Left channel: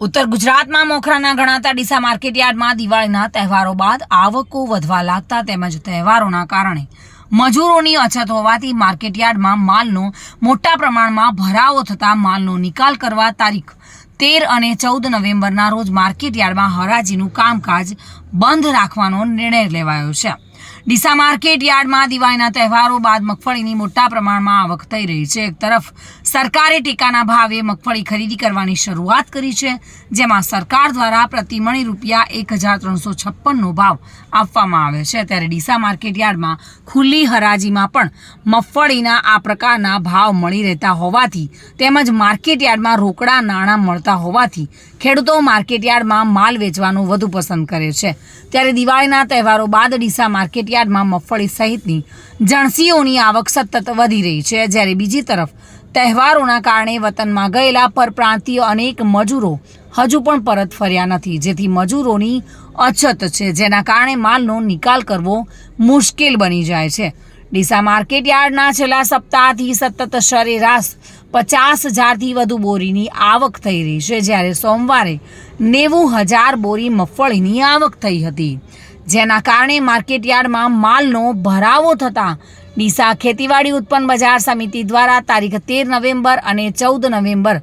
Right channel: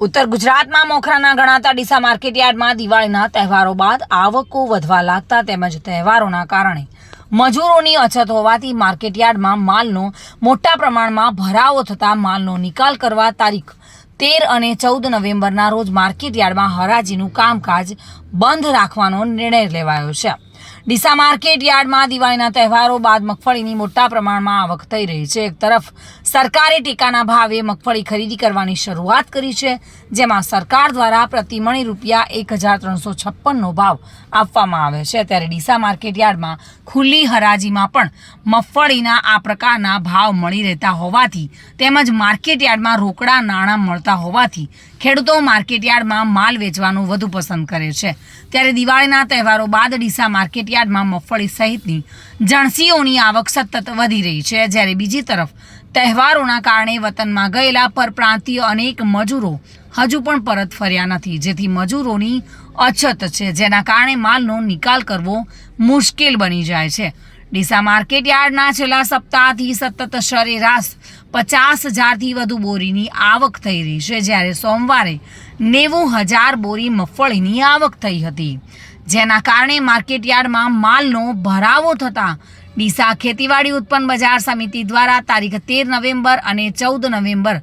ઉત્તર ગુજરાતમાં મોખરાના ગણાતા ડીસા માર્કેટયાર્ડમાં દિવાળીના તહેવારો બાદ આવકો વધવા લાગતા તેમજ તહેવારોના કારણે મજૂરોની અછત હોવાથી માર્કેટયાર્ડમાં માલનો મોટા પ્રમાણમાં ભરાવો થતાં માલનો નિકાલ કરવા તારીખ 13 અને 14 નવેમ્બરના રોજ માર્કેટયાર્ડમાં હરાજીનું કામકાજ બંધ રાખવાનો નિર્ણય લેવાયો છે। ડીસા માર્કેટયાર્ડમાં દિવાળીના તહેવારો બાદ મગફળીની મોટા પ્રમાણમાં આવક થઈ રહી છે। એક તરફ સરકારે ટેકાના ભાવે મગફળી ખરીદી કરવાની શરૂઆત કરી છે, જેમાં સરકાર દ્વારા પ્રતિ મણ રૂપિયા 1356નો ભાવ આપવામાં આવે છે, ત્યારે ડીસા માર્કેટયાર્ડમાં ખુલ્લી હરાજીમાં પણ મગફળીના આ પ્રકારના ભાવ મળી રહેતા હોવાથી તેમજ માર્કેટયાર્ડમાં રોકડા નાણાં મળતા હોવાથી ખેડૂતો માર્કેટયાર્ડમાં માલ વેચવાનું વધુ પસંદ કરે છે। ત્યારે દિવાળીના તહેવારો બાદ ડીસા માર્કેટયાર્ડમાં મગફળી સહિતની જણસીઓની આવક સતત વધી રહી છે, જ્યારે બીજી તરફ તહેવારોના કારણે વતનમાં ગયેલા પરપ્રાંતીય અનેક મજૂરો હજુ પણ પરત ફર્યા નથી, જેથી મજૂરોની અછત છે, જેના કારણે માલનો નિકાલ કરવો મુશ્કેલ બની જાય છે। ડીસા માર્કેટયાર્ડના છેલ્લા સપ્તાહથી સતત સરેરાશ 50,000થી વધુ બોરીની આવક થઈ રહી છે, જ્યારે સોમવારે 90,000 બોરી મગફળીની આવક થઈ હતી, જેના કારણે માર્કેટયાર્ડમાં માલનો ભરાવો થતાં ડીસા ખેતીવાડી ઉત્પન્ન બજાર સમિતિ દ્વારા તારીખ 13 નવેમ્બર અને 14 નવેમ્બર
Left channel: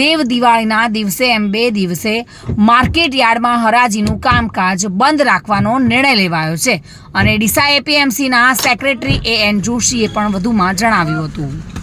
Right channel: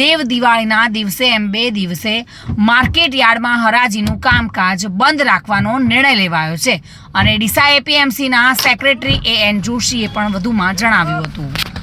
દેવ દિવાળીના દિવસે એમ 2 દિવસે માર્કેટયાર્ડમાં હરાજીનું કામકાજ બંધ રાખવાનો નિર્ણય લેવાયો છે અને ડીસા એપીએમસીના સેક્રેટરી AN જોશીએ પણ વધુમાં જણાવ્યું હતું।